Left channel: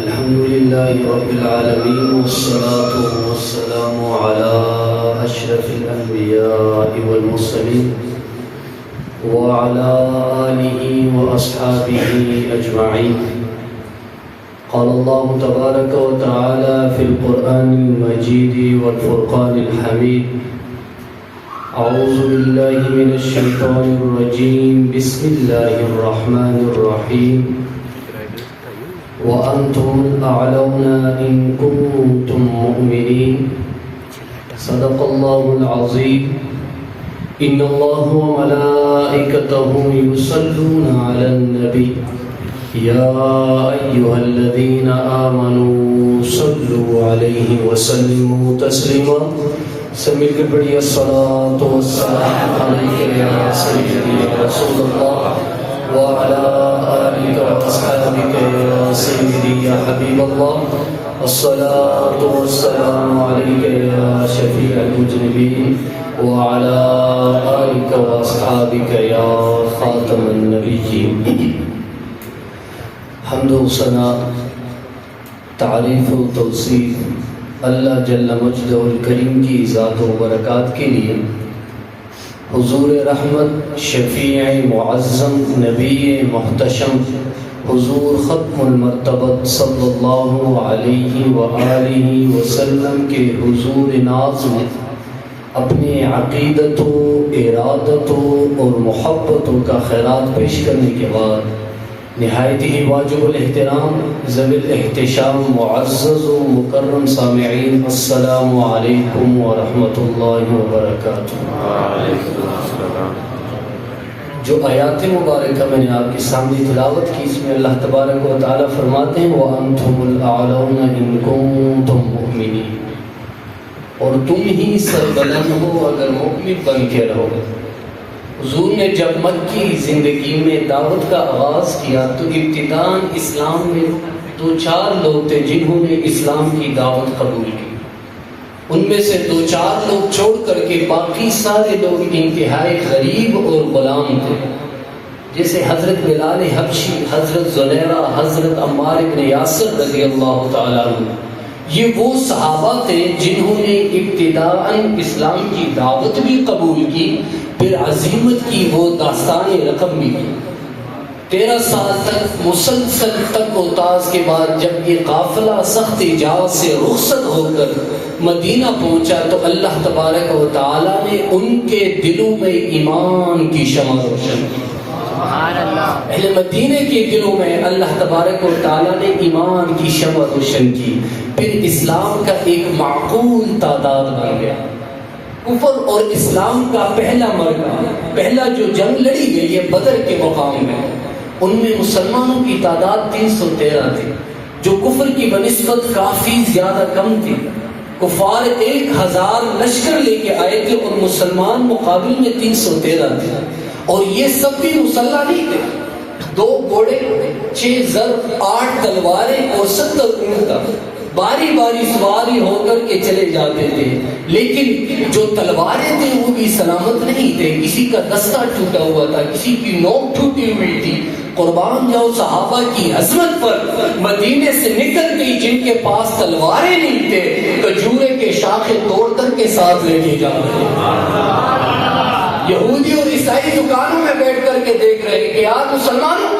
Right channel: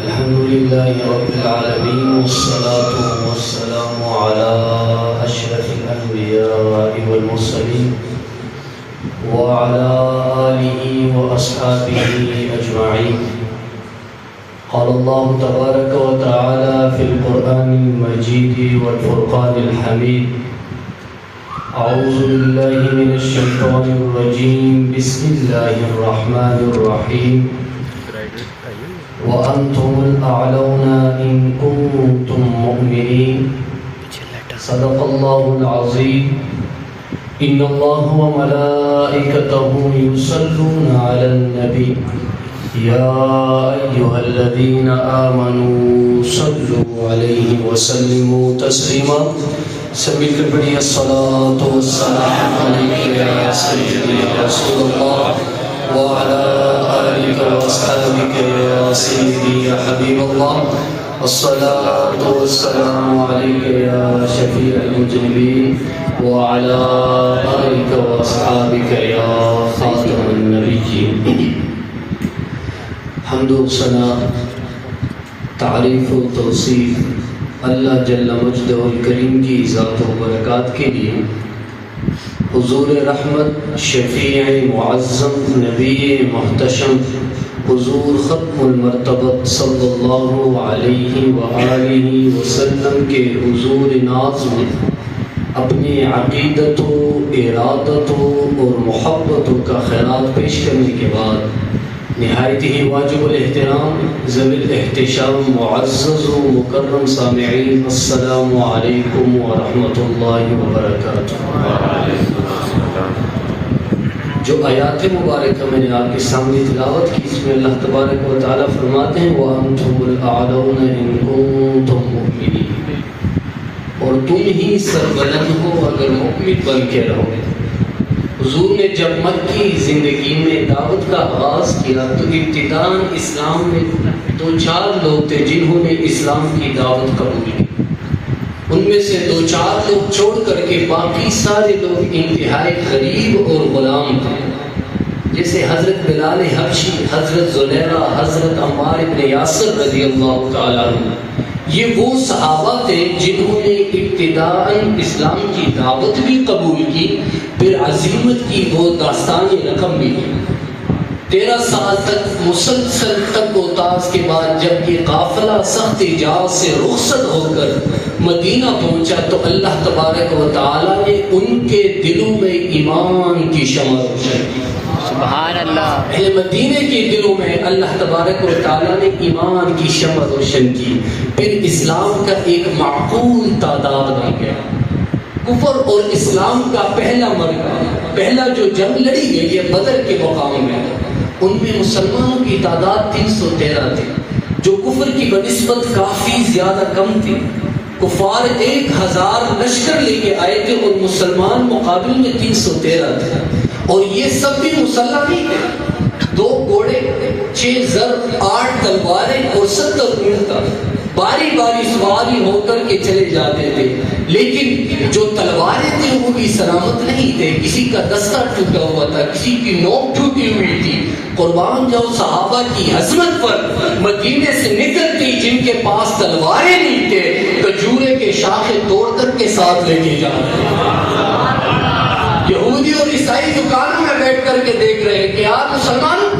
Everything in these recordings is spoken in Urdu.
الحمد لله رب العالمين والصلاة والسلام على أشرف الأنبياء والمرسلين وعلى آله وأصحابه أجمعين. قال الله تبارك وتعالى في القرآن المجيد والفرقان الحميد: أعوذ بالله من الشيطان الرجيم، بسم الله الرحمن الرحيم. وأنتم الأعلون إن كنتم مؤمنين. صدق الله العظيم. إن الله وملائكته يصلون على النبي يا أيها الذين آمنوا صلوا عليه وسلموا تسليما. سمعت بڑی الصلاة والسلام عليك يا سيدي يا رسول الله وعلى آلك وأصحابك يا سيدي يا حبيب الله. الصلاة والسلام عليك يا شفيع المذنبين وعلى آلك وأصحابك يا خاتم النبيين. حمد و ثنا، تعریف و توصیف اللہ جل مجدہ الکریم کی ذات و برکات کے لیے. حضور رحمت، شفیع معظم، نبی محتشم، حضور ختم المرتبت صلی اللہ علیہ وآلہ وسلم کے حضور ناز میں اپنی عقیدت و ارادت اور محبت کا خیرات پیش کرنے کے بعد نہایت ہی واجب الاحترام ذوی الاحتشام معزز و مکرم سامعین، السلام علیکم ورحمۃ اللہ وبرکاتہ. جو آیات مبارکہ میں نے آپ کے سامنے تلاوت کی، اس میں اللہ تبارک و تعالیٰ فرماتے ہیں وَأَنْتُمُ الْأَعْلَوْنَ إِن كُنتُم مُؤْمِنِينَ، اور تم ہی سربلند ہو اگر مؤمن بن کے رہو. حضور نے جب مکی زندگی میں دعوت کا آغاز کیا تو ابتداءً اسلام میں 2-4 لوگ تھے جنہوں نے اسلام کی دعوت قبول کی. ان میں سے 2-4 لوگ چھوڑ کر کے باقی سارے لوگ انتہائی غریب اور غلام تھے، جیسے حضرت بلال حبشی، حضرت زلیخا، حضرت عمار بن یاسر رضی اللہ تعالیٰ عنہ. یہ وہ صحابہ تھے جنہوں نے ابتداءً اسلام کی دعوت بھی قبول کی، پھر عزیمت کی وہ داستان رقم بھی کی. 13 سال تک مسلسل تک و تاز کے بعد جب یہ قافلہ سخت اجازت سے رخصت ہو کر مدینہ پہنچا تو اللہ تبارک و تعالیٰ نے ان کے دلوں میں ایمان کی شمع روشن کی. سبحان اللہ. اہل مدینہ کے دلوں میں اللہ تبارک و تعالیٰ نے ایمان کی شمع روشن کی. پھر اسلام کا ایک معقول تعداد بن گیا. کفر اور اسلام کا پہلا مرحلہ، پہلا جو جنگ لڑی گئی ہے بدر کے مقام میں، ان میں مسلمانوں کی تعداد 313 تھی، جو کفر کی بنسبت کافی زیادہ کم تھی. کفار 1000 لشکر لے کے آئے تھے اور مسلمان مقابل میں 313 تھے. اور یہ سب بھی مسلح نہیں تھے، 2 گھوڑے، 6 زر، 8 تلواریں اور 70 اونٹ، باری باری سواری ہو کر کے چلے جاتے تھے. لیکن جو تلواریں تھے وہ بھی سلامت نہیں تھے، کسی کا دستہ ٹوٹا ہوا تھا، کسی کی نوک ٹوٹی ہوئی تھی. قربان جاؤ صحابہ کی عظمت پر. مدینے سے نکل کے جن کے پاس تلواریں نہیں تھے کھجورے کے شاخیں توڑ کر کے ساتھ لے کے جا رہے ہیں. یہودی اور عیسائی دکانوں میں بیٹھ کر کے دیکھ رہے ہیں کہ یار مسلمانوں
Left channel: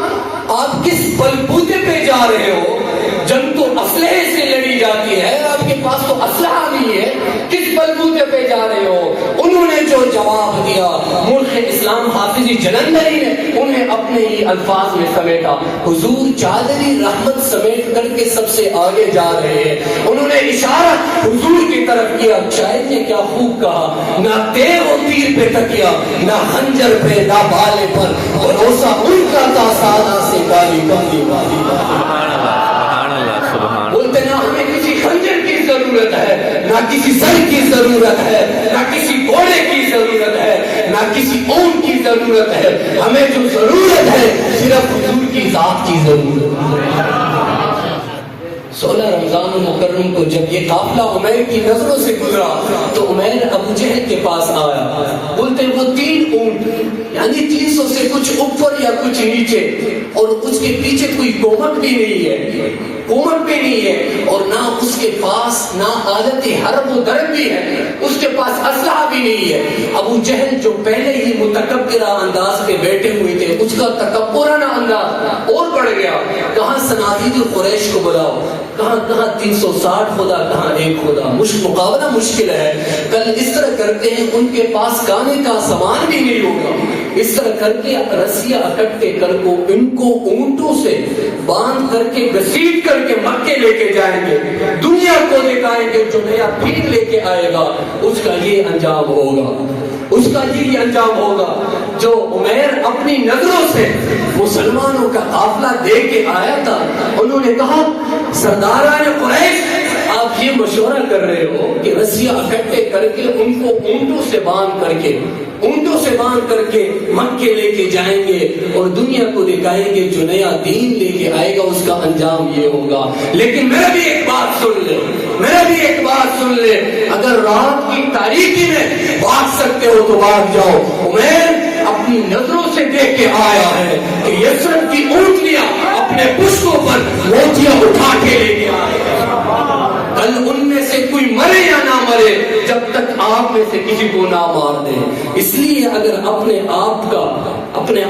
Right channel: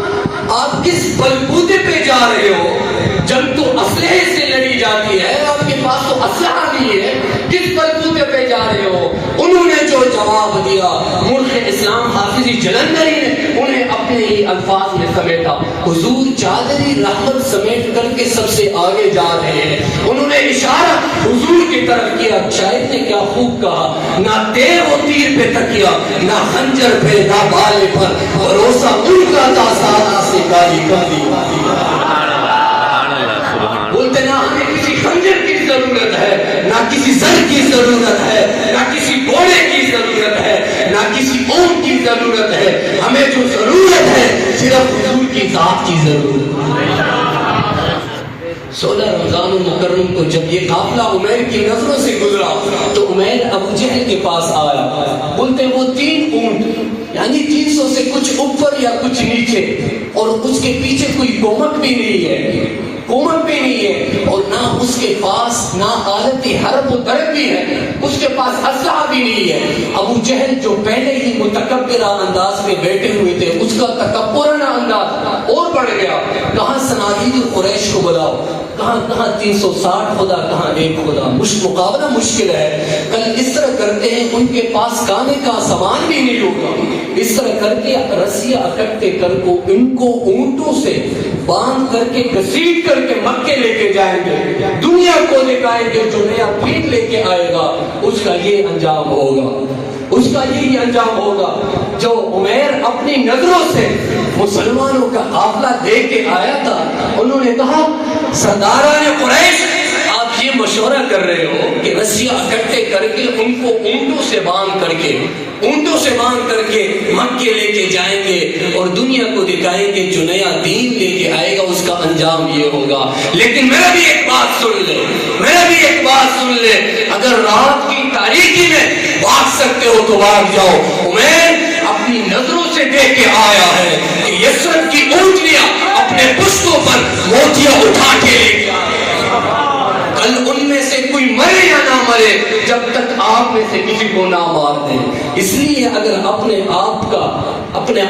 آپ کس بلبوتے پہ جا رہے ہو؟ جنگ تو اسلحے سے لڑی جاتی ہے، آپ کے پاس تو اسلحہ نہیں ہے، کس بلبوتے پہ جا رہے ہو؟ انہوں نے جو جواب دیا ملک اسلام حافظی جلندری نے انہیں اپنے ہی الفاظ میں سمیٹا. حضور چادری رحمت سمیٹ کر کے سب سے آگے جا رہے ہیں. انہوں نے اشارہ حضور کی طرف کیا. شاعر نے کیا خوب کہا: نہ تیر و تیر پہ تکیا، نہ خنجر پہ، نہ بالے پر، بھروسہ ان کا تھا سادہ سے کالی کالی کالی. بولتے نہ ہمیں کسی خنجر کی ضرورت ہے، نہ کسی سر کی ضرورت ہے، نہ کسی گھوڑے کی ضرورت ہے، نہ کسی اونٹ کی ضرورت ہے. ہمیں جو ضرورت ہے صرف حضور کی ذات کی ضرورت ہے. 16 رمضان مکرم کو جب یہ قافلہ عمیر کی نظروں سے گزرا تو عمیر ابو جہل کے پاس آیا. بولتے وہ 3 اونٹ یعنی 300 سے کچھ اوپر یا کچھ نیچے اور اس کے پیچھے کوئی کومک بھی نہیں ہے. حکومت بھی نہیں ہے اور نہ اس کے پاس نہ آلت حرب و درب بھی ہے، اس کے پاس اسلحہ بھی نہیں ہے۔ ابو جہل جو پہلے ہی متکبرانہ انداز پہ بیٹھے ہوئے تھے، اس کا تکبرانہ انداز اور بڑھ گیا۔ کہاں صنادید قریش کو بلاؤ، کہاں 360 خدا، کہاں ایک خدا، مقابلہ مشکل ہے۔ کل اس طرح کرتے ہیں، ان کے پاس کھانے کا سامان بھی نہیں ہوگا، اس طرح کر کے رسیاں اکٹھے کر کو ان کو اونٹوں سے باندھ کر کے گھسیٹ کر کے مکے لے کے جائیں گے، دنیا کو دکھائیں گے جو نیا پھیر لے کے آئے گا اس کا یہ انجام ہوگا، اس کا یہ انجام ہوگا۔ جو عمیر اپنی نظروں سے مسلمانوں کا قافلہ دیکھ کے آیا تھا، انہوں نے کہا سرداران قریش آپ یہ مشورہ کر رہے ہو کہ رسیاں اکٹھے کر کے ان کو اونٹوں سے باندھ کر کے مکے لے کے جائیں گے اور دنیا کو دکھائیں گے جو نیا دین لے کے آئے گا اس کا انجام یہ ہوگا۔ لیکن میرا بھی ایک بات سن لے، اگر رات کی تاریکی میں بھاگ سکتے ہو تو بھاگ جاؤ۔ عمیر اپنی نظروں سے دیکھ کے آیا ہے کہ یثرب کی اونٹنیاں اپنے پشتوں پر موتیاں اٹھا کے لے کے آئے۔ کل ان میں سے کوئی مرے یا نہ مرے، جب تک آپ میں سے کسی کو نہ مار دیں۔ اس لیے اگر اپنے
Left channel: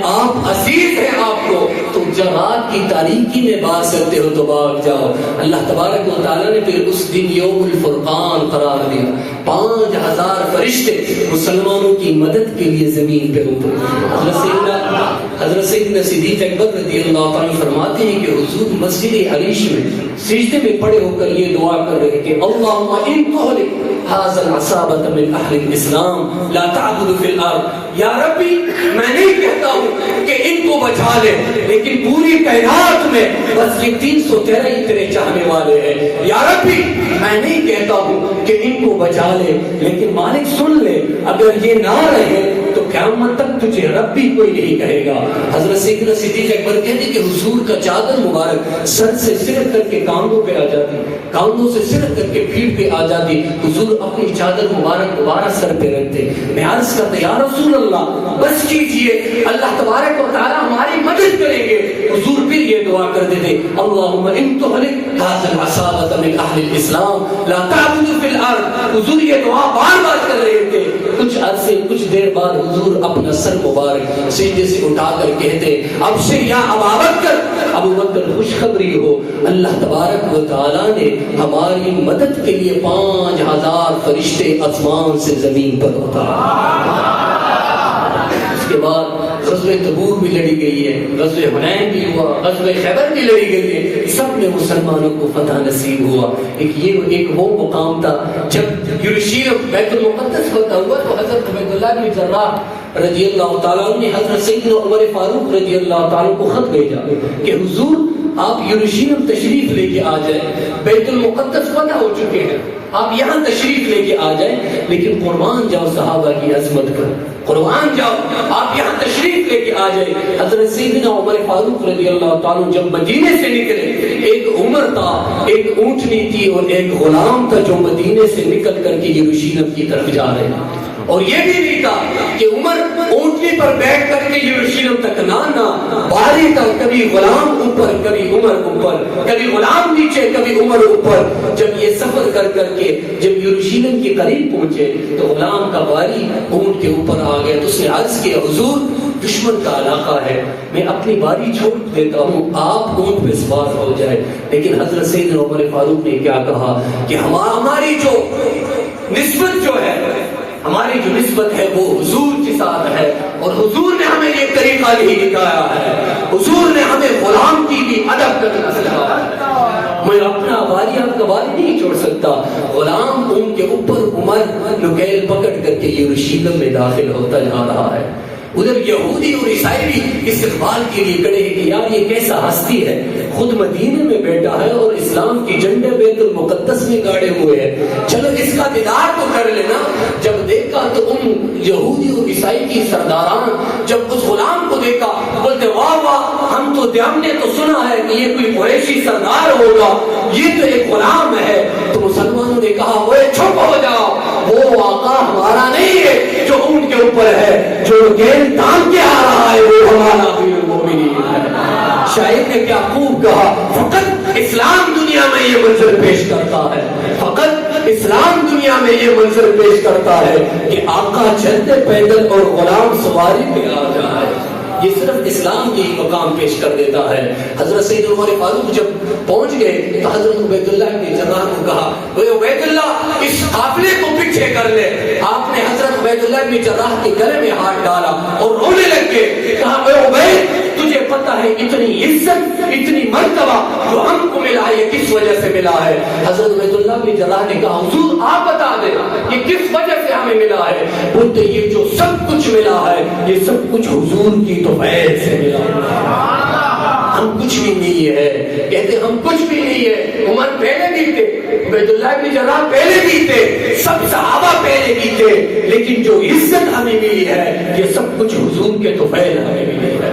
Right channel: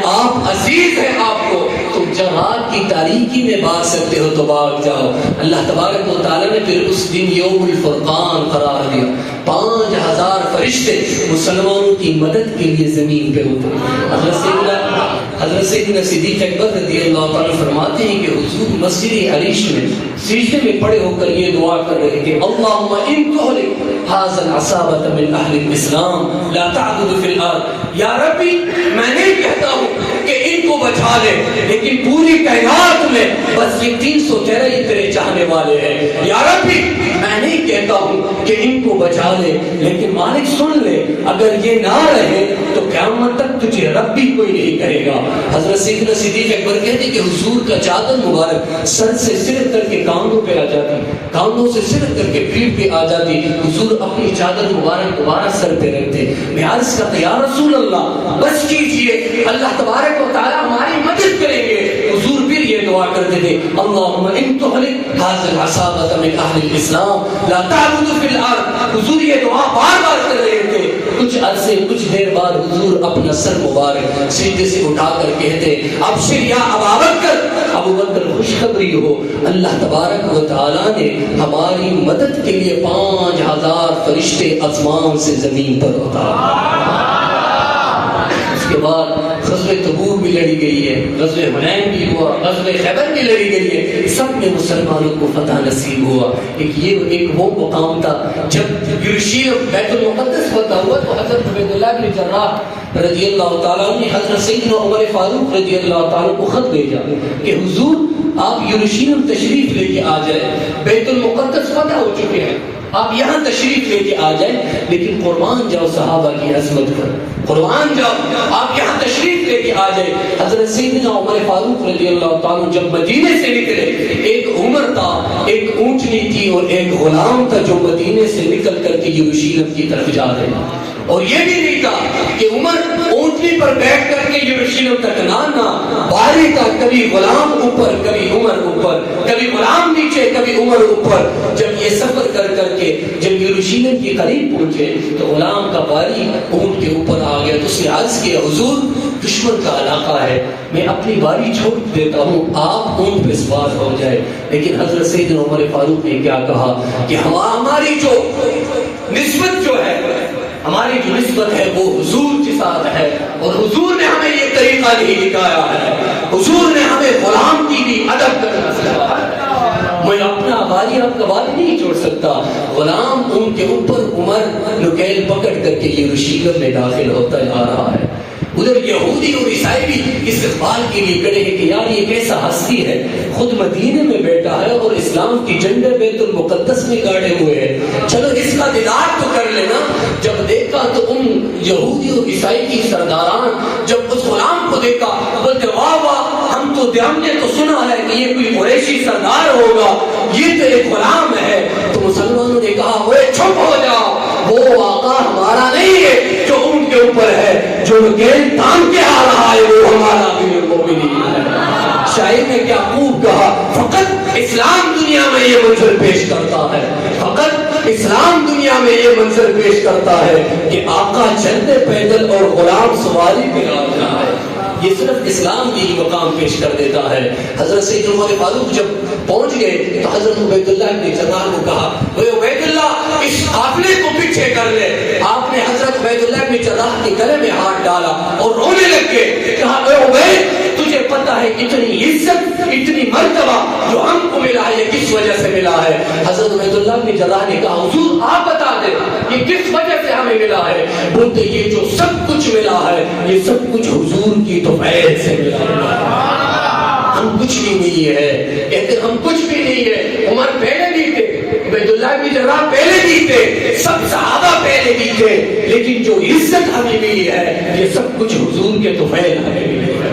آپ عزیز ہے آپ کو تو جہاد کی تاریکی میں بھاگ سکتے ہو تو بھاگ جاؤ۔ اللہ تبارک و تعالیٰ نے پھر اس دن یوم الفرقان قرار دیا، 5000 فرشتے مسلمانوں کی مدد کے لیے زمین پہ اترے۔ حضرت سیدنا صدیق اکبر رضی اللہ تعالیٰ فرماتے ہیں کہ حضور مسجد علیش میں سجدے میں پڑے ہو کر یہ دعا کر رہے کہ اللہم ان تہلک ھذا العصابۃ من اہل الاسلام لا تعدل فی الارض۔ یا ربی میں نہیں کہتا ہوں کہ ان کو بچا لے، لیکن پوری کائنات میں بس یہ 313 ہی تیرے چاہنے والے ہیں۔ یا ربی میں نہیں کہتا ہوں کہ ان کو بچا لے، لیکن مالک سن لے اگر یہ نہ رہے تو قیامت تک تجھے رب بھی کوئی نہیں کہے گا۔ حضرت سیدنا صدیق اکبر کہتے کہ حضور کا چادر مبارک سر سے سرک کر کے کاندھوں پہ آ جاتی، کاندھوں سے سرک کر کے پیٹھ پہ آ جاتی، حضور اپنی چادر مبارک دوبارہ سر پہ رکھتے۔ میں عرض کرتا یا رسول اللہ بس کیجئے، اللہ تبارک و تعالیٰ ہماری مدد کریں گے۔ حضور پھر یہ دعا کرتے تھے اللہم ان تہلک ھذا العصابۃ من اہل الاسلام لا تعدل فی الارض۔ حضور یہ دعا بار بار کر رہے تھے۔ کچھ دیر بعد حضور اپنا سر مبارک سجدے سے اٹھا کر کہتے ابشر یا ابا بکر، ابو بکر خوشخبری ہو، اللہ تبارک و تعالیٰ نے ہماری مدد کے لیے 5000 فرشتے آسمان سے زمین پر اتارے۔ اس کے بعد غزوہ تبوک بھی لڑی گئی ہے، غزوہ حنین بھی ہوا، غزوہ خیبر بھی لڑی گئی ہے، سب میں مسلمانوں کو فتح نصیب ہوا۔ ایک وہ مقام تھا جب یروشلم بیت المقدس فتح ہوا تو حضرت عبداللہ بن جراح رضی اللہ تعالیٰ نے حضرت سیدنا عمر فاروق رضی اللہ تعالیٰ کو خط بھیجا کہ حضور آپ یروشلم تشریف لے کے آ جائیں، بیت المقدس فتح ہو چکے ہیں، آپ یہاں تشریف لے کے آ جائیں، لیکن قربان جاؤ صحابہ کی عظمت پر، قربان جاؤ، آپ یہاں تشریف لے کے آ جائیں۔ حضرت سیدنا عمر فاروق رضی اللہ تعالیٰ جب مدینے سے نکلے، ایک عمر تھا، ایک اونٹنی تھی اور ایک غلام تھا جو مدینے سے نکل کر کے یروشلم کی طرف جا رہے ہیں، اور یہ بھی نہیں تھا کہ عمر اونٹنی پر بیٹھ کر کے یروشلم تک نہ باری تھا، کبھی غلام اوپر کبھی عمر اوپر، کبھی غلام نیچے کبھی عمر اوپر۔ جب یہ سفر کر کر کے جب یروشلم کے قریب پہنچے تو غلام کا باری اونٹ کے اوپر آ گیا، تو اس نے عرض کیا حضور دشمن کا علاقہ ہے، میں اپنی باری چھوڑ دیتا ہوں، آپ اونٹ پہ سوار ہو جائے۔ لیکن حضرت سیدنا عمر فاروق نے کیا کہا کہ ہماری جو نسبت ہے وہ حضور کے ساتھ ہے، اور حضور نے ہمیں یہ طریقہ نہیں دکھایا ہے، حضور نے ہمیں غلام کی بھی ادب کرنا سکھایا ہے۔ میں اپنا باری آپ کا باری نہیں چھوڑ سکتا۔ غلام ان کے اوپر عمر نکیل پکڑ کر کے یروشلم میں داخل ہوتا جا رہا ہے۔ ادھر یہودی اور عیسائی بھی استقبال کے لیے کھڑے ہیں کہ یار یہ کیسا ہستی ہے، خود مدینے میں بیٹھا ہے اور اسلام کی جھنڈے بیت المقدس میں گاڑے ہوئے ہیں، چلو اس کا دیدار تو کر لینا۔ جب دیکھا تو ان یہودی اور عیسائی کی سرداران جب اس غلام کو دیکھا بولتے واہ واہ، ہم نے تو سنا ہے کہ یہ کوئی قریشی سردار ہوگا، یہ تو ایک غلام ہے۔ تو مسلمانوں نے کہا وہ چپ ہو جاؤ، وہ آقا ہمارا نہیں ہے جو اونٹ کے اوپر ہے، جو گیل تان کے آ رہا ہے وہ ہمارا امیر المومنین ہے۔ شاعر نے کیا خوب کہا، فقط اسلام یہ منظر پیش کرتا ہے، فقط اسلام دنیا میں یہ منظر پیش کرتا ہے کہ آقا چلتے پیدل اور غلام سواری پہ آ جائے. یہ صرف اسلام کی مقام پیش کر دیتا ہے. حضرت سید عمر فاروق جب پہنچ گئے تو حضرت عبید اللہ نے جناح کو کہا وہ عبید اللہ اس قافلے کو پیچھے کر لے. آپ نے حضرت عبید اللہ کے جناح کے گلے میں ہاتھ ڈالا اور رونے لگ گئے. کہا اے عبید تجھے پتا ہے اتنی عزت اتنی مرتبہ جو ہم کو ملا ہے یہ کس وجہ سے ملا ہے؟ حضرت عبید اللہ کے جناح نے کہا حضور آپ بتا دیں یہ کس وجہ سے ہمیں ملا ہے؟ بولتے یہ جو سب کچھ ملا ہے یہ سب کچھ حضور کی توفیق سے ملا ہے. ہم کچھ بھی نہیں ہے، کہتے ہم کچھ بھی نہیں ہے. عمر پہلے بھی تھے، عبید اللہ بھی جناح پہلے بھی تھے، سب صحابہ پہلے بھی تھے، لیکن جو عزت ہمیں ملی ہے یہ سب کچھ حضور کے توفیق ہمیں ملی ہے.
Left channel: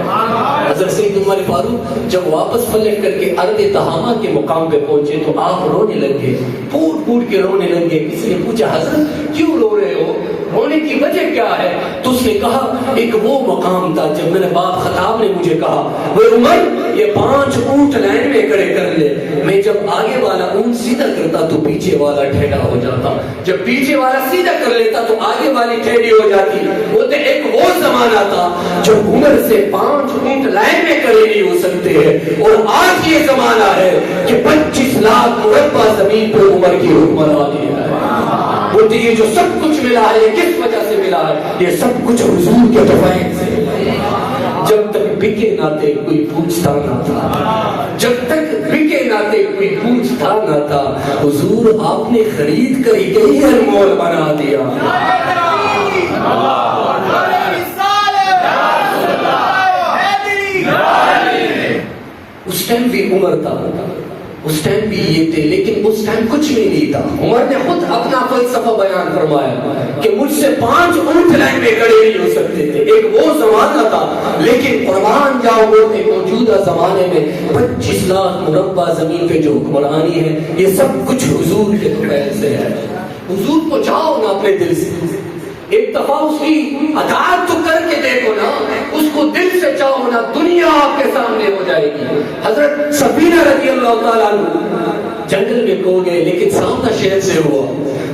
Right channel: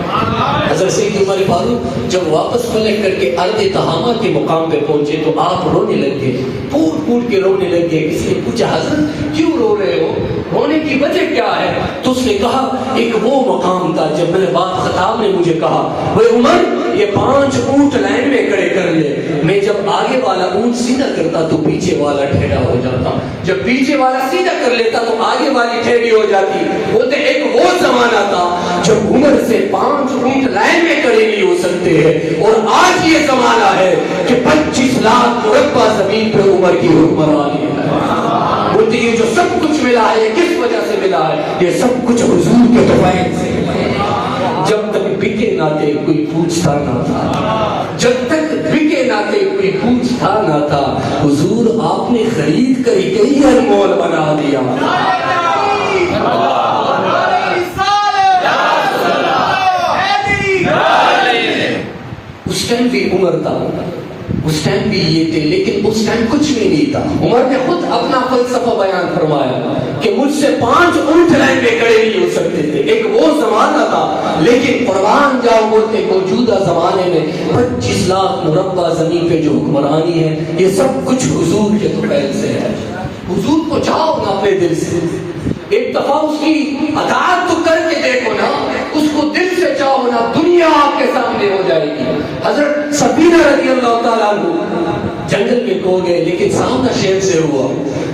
حضرت سید عمر فاروق جب واپس پلٹ کر کے ارض تہامہ کے مقام پہ پہنچے تو آپ رونے لگ گئے، پھوٹ پھوٹ کے رونے لگ گئے. کسی نے پوچھا حضرت کیوں رو رہے ہو، رونے کی وجہ کیا ہے؟ تو اس نے کہا ایک وہ مقام تھا جب میرے باپ خطاب نے مجھے کہا وہ عمر یہ 5 اونٹ لائن میں کھڑے کر لے. میں جب آگے والا اونٹ سیدھا کرتا تو پیچھے والا ٹیڑھا ہو جاتا، جب پیچھے والا سیدھا کر لیتا تو آگے والی ٹیڑھی ہو جاتی. بولتے ایک وہ زمانہ تھا جب عمر سے 5 اونٹ لائن میں کھڑے نہیں ہو سکتے ہیں، اور آج یہ زمانہ ہے کہ 25 لاکھ مربع زمین پہ عمر کی حکمرانی ہے. بولتے یہ جو سب کچھ ملا ہے یہ کس وجہ سے ملا ہے؟ یہ سب کچھ حضور کے توفیق سے ملا ہے. جب تک بکے نہ تھے کوئی پوچھتا نہ تھا، جب تک بکے نہ تھے کوئی پوچھتا نہ تھا، حضور آپ نے خرید کر ہی انمول بنا دیا. اس ٹائم بھی عمر تھا، اس ٹائم بھی یہ تھے، لیکن اس ٹائم کچھ بھی نہیں تھا. عمر نے خود اپنا فلسفہ بیان فرمایا کہ مجھ سے 5 اونٹ لائن میں کھڑے نہیں ہو سکتے تھے. ایک وہ زمانہ تھا، لیکن قربان جاؤ بولتے موجودہ زمانے میں 25 لاکھ مربع زمین پہ جو حکمرانی ہے یہ سب کچھ حضور کے توفیق سے ہے. حضور کو چاہو نا اپنے دل سے، ایک دفعہ اس کی اطاعت تو کر کے دیکھو نا، اس کو دل سے چاہو نا، دنیا آپ کے سامنے ہو جائے گی. حضرت سفینہ رضی اللہ تعالیٰ عنہ جنگل میں کھو گئے لیکن سامنا شیر سے ہوا.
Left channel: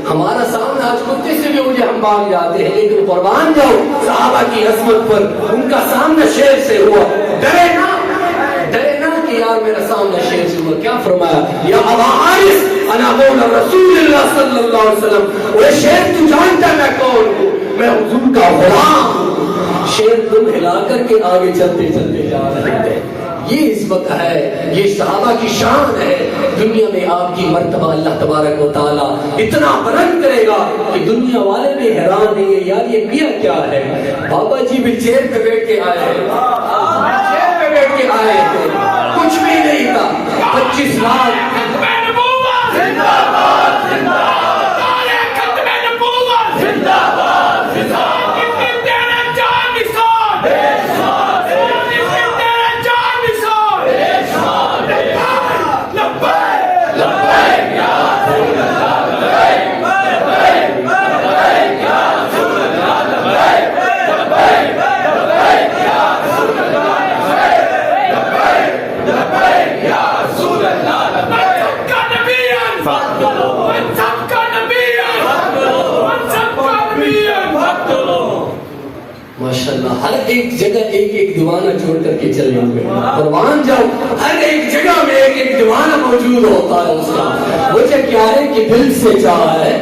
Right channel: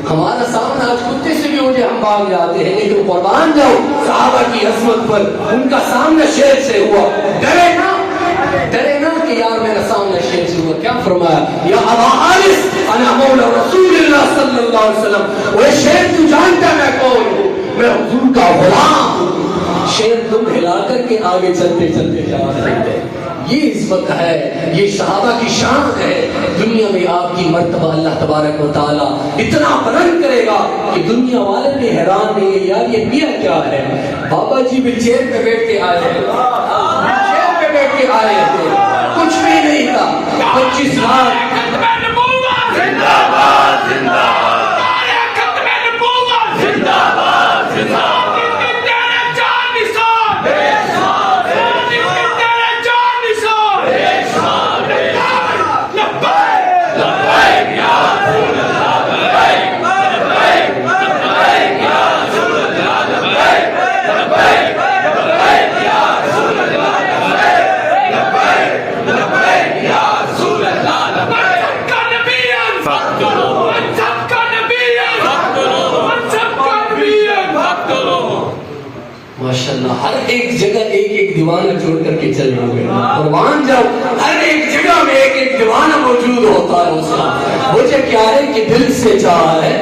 ہمارا سامنا آج کتے سے بھی ہو جائے ہم بھاگ جاتے ہیں، لیکن قربان جاؤ صحابہ کی عظمت پر، ان کا سامنا شیر سے ہوا. ڈرے نا کہ یار میرا سامنا شیر سے ہوا. کیا فرمایا؟ یا ابا حارث انا مولا رسول اللہ صلی اللہ علیہ وسلم. وہ شیر تو جانتا ہے میں کون ہوں، میں حضور کا غلام ہوں. شیر تم ہلا کر کے آگے چلتے چلتے جا رہے ہیں. یہ عزت ہے، یہ صحابہ کی شان ہے. دنیا میں آپ کی مرتبہ اللہ تبارک و تعالیٰ اتنا بلند کرے گا کہ دنیا والے بھی حیران نہیں ہے یار یہ کیا کیا ہے. بابا جی ویل چیئر پہ بیٹھ کے آئے ہیں، چیئر پہ بیٹھ کے آئے تھے، کچھ بھی نہیں تھا. 25 لاکھ ماشاءاللہ. ہر ایک جگہ ایک ایک دیوانہ چھوڑ کر کے چلے ہوئے. قربان جاؤ ہر ایک جگہ میں ایک ایک دیوانہ موجود ہوتا ہے. اس کا وجہ کیا ہے کہ دل سے چاہا ہے،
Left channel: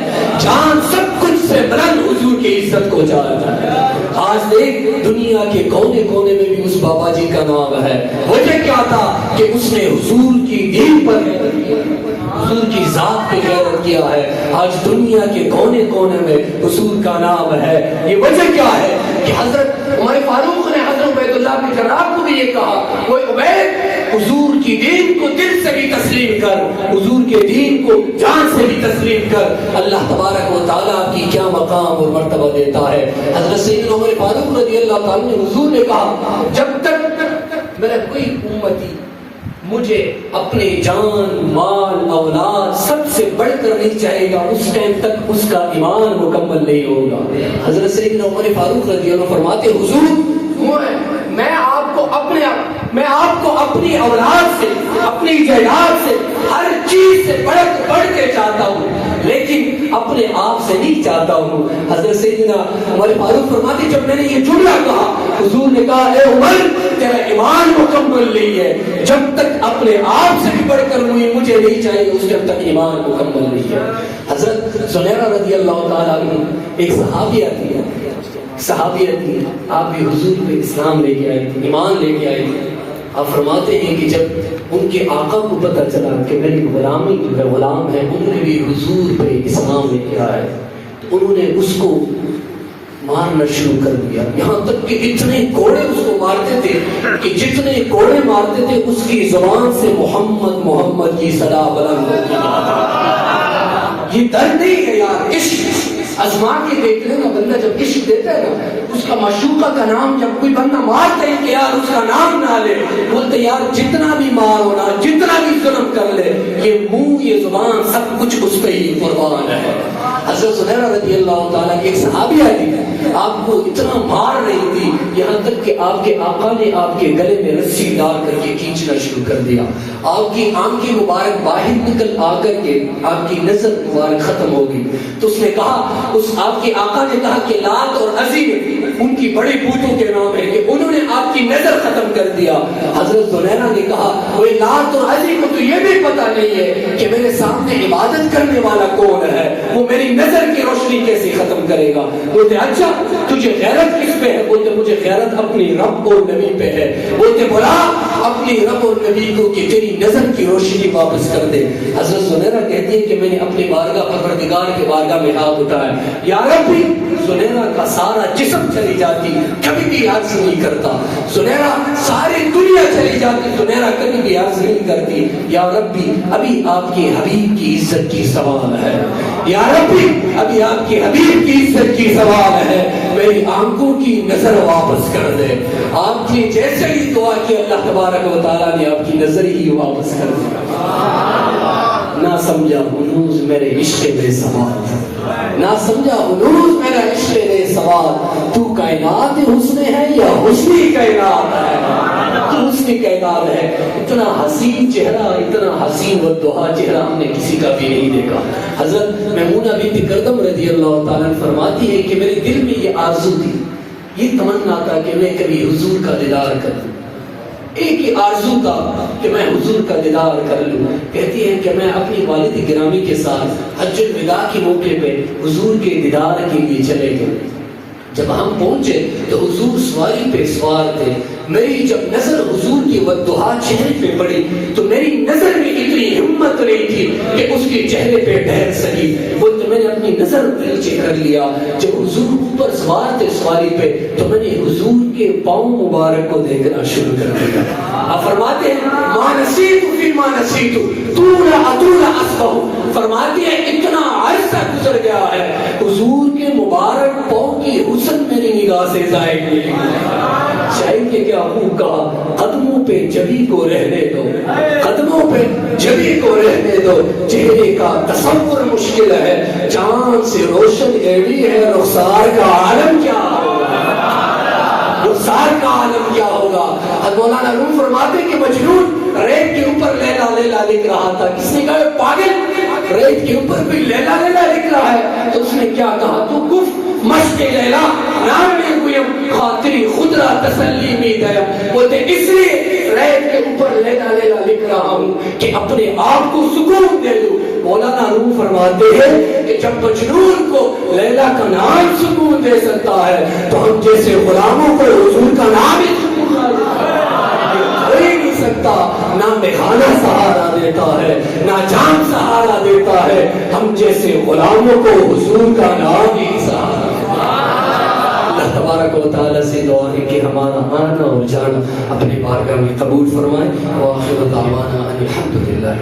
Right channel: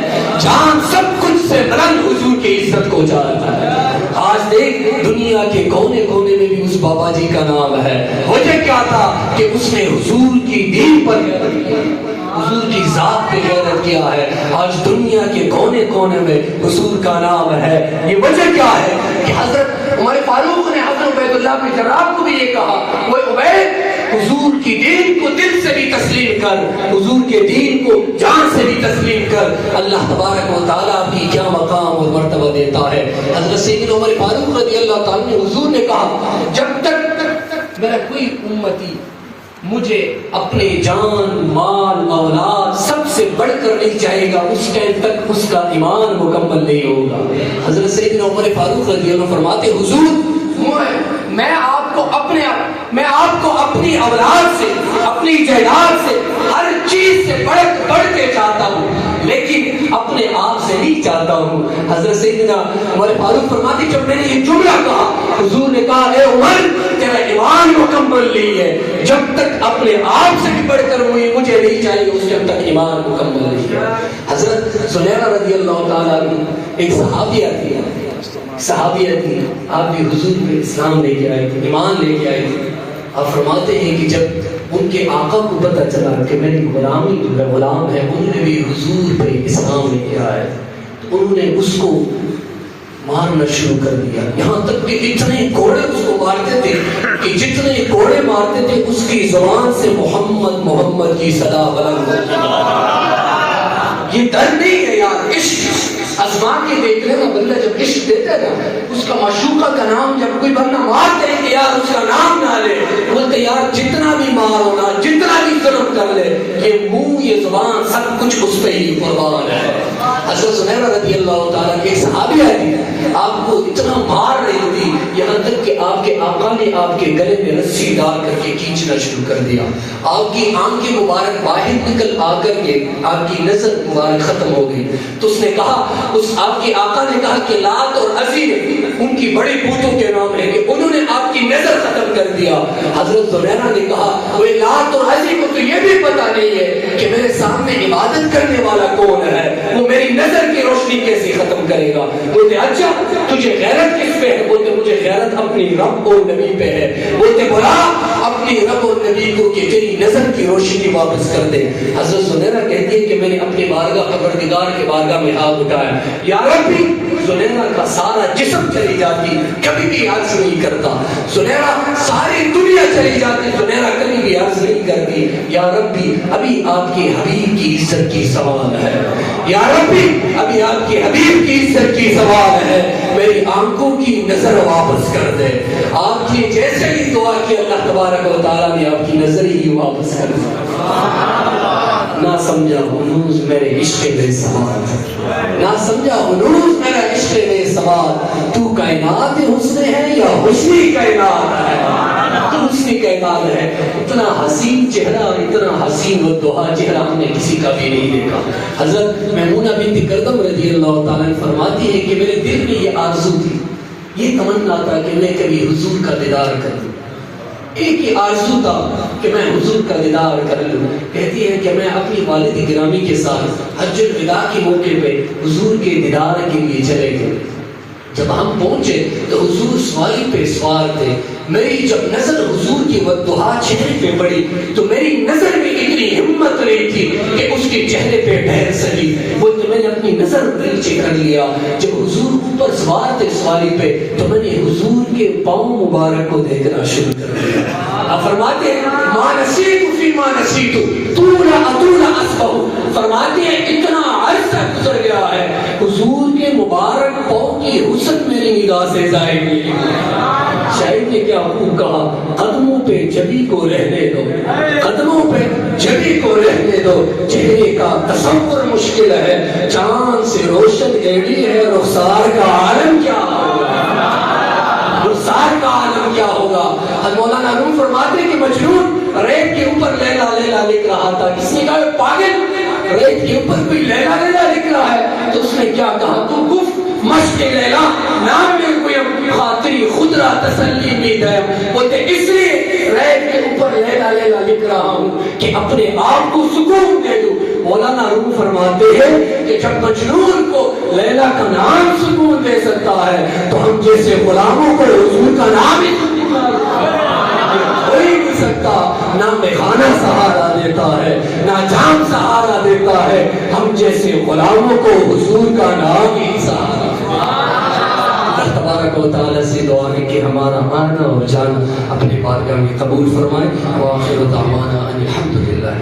جان سب کچھ سے بلند حضور کی عزت کو چاہتا ہے. آج دیکھ دنیا کے کونے کونے میں بھی اس بابا جی کا نام ہے. وجہ کیا تھا کہ اس نے حضور کی دین پر، حضور کی ذات پہ غیرت کیا ہے. آج دنیا کے کونے کونے میں حضور کا نام ہے. یہ وجہ کیا ہے کہ حضرت عمر فاروق نے حضرت عبید اللہ بن جراح کو بھی یہ کہا وہ عبید حضور کی دین کو دل سے بھی تسلیم کر، حضور کے دین کو جان سے بھی تسلیم کر. اللہ تبارک و تعالیٰ آپ کی کیا مقام اور مرتبہ دیتا ہے. حضرت سیدنا عمر فاروق رضی اللہ تعالیٰ نے حضور نے کہا جب تک میرا کوئی امتی مجھے اپنے جان مال اولاد سب سے بڑھ کر نہیں چاہے گا اس ٹائم تک اس کا ایمان مکمل نہیں ہوگا. حضرت سیدنا عمر فاروق رضی اللہ فرماتے حضور میں آپ کو اپنی اولاد سے، اپنی جائیداد سے، ہر چیز سے بڑھ کے چاہتا ہوں، لیکن اپنے آپ سے نہیں چاہتا ہوں۔ حضرت سیدنا عمر فاروق فرماتے جب میں نے یہ جملہ کہا، حضور نے کہا اے عمر تیرا ایمان مکمل نہیں ہے، جب تک اپنے آپ سے بھی بڑھ کر مجھے نہیں چاہیے اس جب تک ایمان مکمل نہیں ہے۔ حضرت زنیرہ رضی اللہ تعالیٰ عنہ ایک صحابیہ تھی، آپ بھی حضور پہ اسلام لے کے آئے تھے، ایمان لے کے آئے تھے۔ آپ فرماتے ہیں کہ جب ان کے آقا کو پتہ چلا کہ میری غلام ہے، انہوں نے بھی حضور پہ اسلام لے کے آئے، انہوں نے اس کو مارنا شروع کر دیا، یہاں تک کہ اتنے کوڑے اس کو مارتے تھے کہ جتنے کوڑے مارتے تھے اس کی زبان سے محمد کی صدا بلند ہوتی ہے۔ یہ درد نہیں ہے یار، عشق ازما کے دیکھ لینا، بندہ جب عشق دیتا ہے نا، اس کا معشوقہ کا نام جب کوئی بندہ مارتے ہیں کہ یار اس کا نام نہ لے، بولتے یار جتنا بھی مارو نا، جتنا بھی ظلم کر لے، یہ منہ یہ زبان سب کچھ اس پہ ہی قربان ہے۔ حضرت زنیرہ رضی اللہ تعالیٰ کی ایک صحابیہ تھی، آپ کو اتنا مار رہی تھی یہاں تک کہ آپ کے آقا نے آپ کے گلے میں رسی ڈال کر کے کھینچنا شروع کر دیا، آپ کی آنکھیں مبارک باہر نکل آ کر کے آپ کی نظر مبارک ختم ہو گئی۔ تو اس نے کہا، اس آپ کے آقا نے کہا کہ لات اور عزی ان کی بڑی بتوں کے نام ہے کہ انہوں نے آپ کی نظر ختم کر دیا۔ حضرت زنیرہ نے کہا وہ لات اور عزی کو تو یہ بھی پتا نہیں ہے کہ میرے سامنے عبادت کرنے والا کون ہے، وہ میری نظر کی روشنی کیسے ختم کرے گا؟ بولتے اچھا تجھے غیرت کس پہ ہے؟ بولتے مجھے غیرت اپنی رب اور نبی پہ ہے۔ بولتے بولا اپنی رب اور نبی کو کہ تیری نظر کی روشنی واپس کر دے۔ حضرت زنیرہ کہتی ہے کہ میں نے اپنے بارگاہ پروردگار کے بارگاہ میں ہاتھ اٹھایا، یا ربی، زنیرہ کا سارا جسم چلی جاتی کبھی بھی عرض نہیں کرتا، زنیرہ ساری دنیا چلی جاتی زنیرہ کبھی بھی عرض نہیں کرتی، یا ربی ابھی آپ کے حبیب کی عزت کی سوال ہے، یا ربی ابھی آپ کے حبیب کی عزت کی سوال ہے، میری آنکھوں کی نظر واپس کر دے۔ آپ کی جیسے ہی دعا کی اللہ تبارک و تعالیٰ نے آپ کی نظر ہی واپس کر دی۔ نہ سمجھا ہنوز میرے عشق بے سوال، نہ سمجھا ہنوز میرا عشق بے سوال، تو کائنات حسن ہے یا حسنی کائنات ہے؟ تو حسنی کائنات ہے۔ اتنا حسین چہرہ، اتنا حسین والدہا چہرہ ہم نے کسی کا بھی نہیں دیکھا۔ حضرت میمونہ بنت کردم رضی اللہ تعالیٰ عنہ فرماتی ہے کہ میرے دل میں یہ آرزو تھی، یہ تمنا تھا کہ میں کبھی حضور کا دیدار کروں، ایک ہی آرزو تھا کہ میں حضور کا دیدار کر لوں۔ کہتی ہیں کہ میں اپنی والد گرامی کے ساتھ حج الوداع کے موقع پہ حضور کے دیدار کے لیے چلے گئے۔ جب ہم پہنچے تو حضور سواری پہ سوار تھے، میری جب نظر حضور کی والدہا چہرے پہ پڑی تو میری نظر میں اتنی ہمت نہیں تھی کہ اس کے چہرے پہ ٹھہر سکی، بولتے میں نے اپنی نظر نیچے کر لیا۔ جب حضور اوپر سوار تھے سواری پہ تو میں نے حضور کے پاؤں مبارک کو دیکھنا شروع کر دیا۔ آپ فرماتے ہیں ما نسیت فی ما نسیت طول اطول اصفہ، فرماتے ہیں اتنا عرصہ گزر گیا ہے حضور کے مبارک پاؤں کی حسن میری نگاہ سے ظاہر نہیں ہوئی۔ شاعر نے کیا خوب کہا، قدموں پہ جبی کو رہنے دو، قدموں پہ جبی کو رہنے دو، چہرے کا تصور مشکل ہے، چاند سے روشن ایڑی ہے، رخسار کا عالم کیا ہوگا، رخسار کا عالم کیا ہوگا۔ حضرت مولانا روم فرماتے ہیں کہ مجنون ریت کے اوپر لیلا لیلا لکھ رہا تھا، کس نے کہا پاگل ریت کے اوپر کوئی لیلا لیلا لکھ رہا ہے، تو اس نے کیا کہا، تو گفت مشق لیلا نام میں گویم خاطری خود را تسلی میں دیم، بولتے اس لیے ریت کے اوپر لیلا لیلا لکھ رہا ہوں کہ اپنے آپ کو سکون دے دوں۔ مولانا روم فرماتے ہیں کہ جب مجنون کو لیلا کا نام سکون دے سکتا ہے تو ہم جیسے غلاموں کو حضور کا نام ہی سکون دے نہیں سکتا۔ نہ میخانہ سہارا دیتا ہے، نہ جام سہارا دیتا ہے، ہم جیسے غلاموں کو حضور کا نام ہی سہارا۔ اللہ تبارک و تعالیٰ سے دعا ہے کہ ہمارا آنا اور جانا اپنے بارگاہ میں قبول فرمائے۔ وآخر دعوانا ان الحمد للہ۔